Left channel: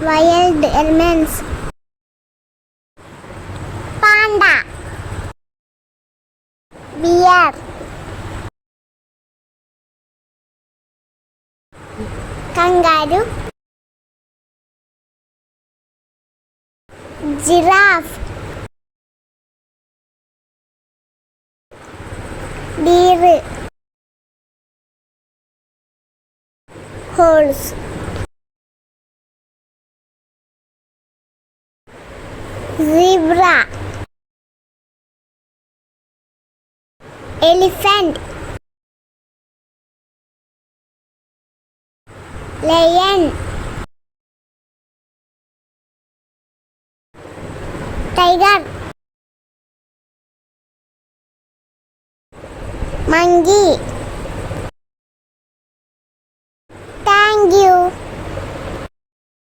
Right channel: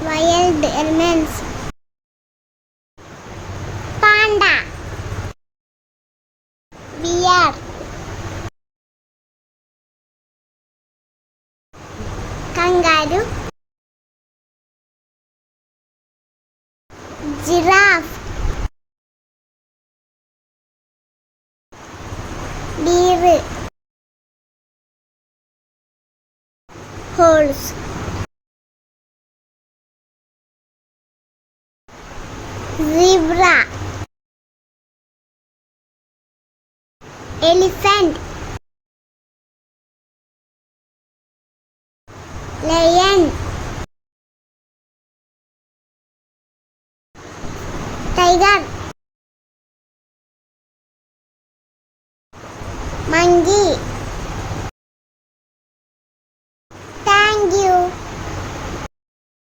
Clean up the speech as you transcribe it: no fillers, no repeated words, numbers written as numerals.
wild elements. Panda, bear, kangaroo, giraffe, deer, horse, zebra, elephant, lion, tiger, monkey,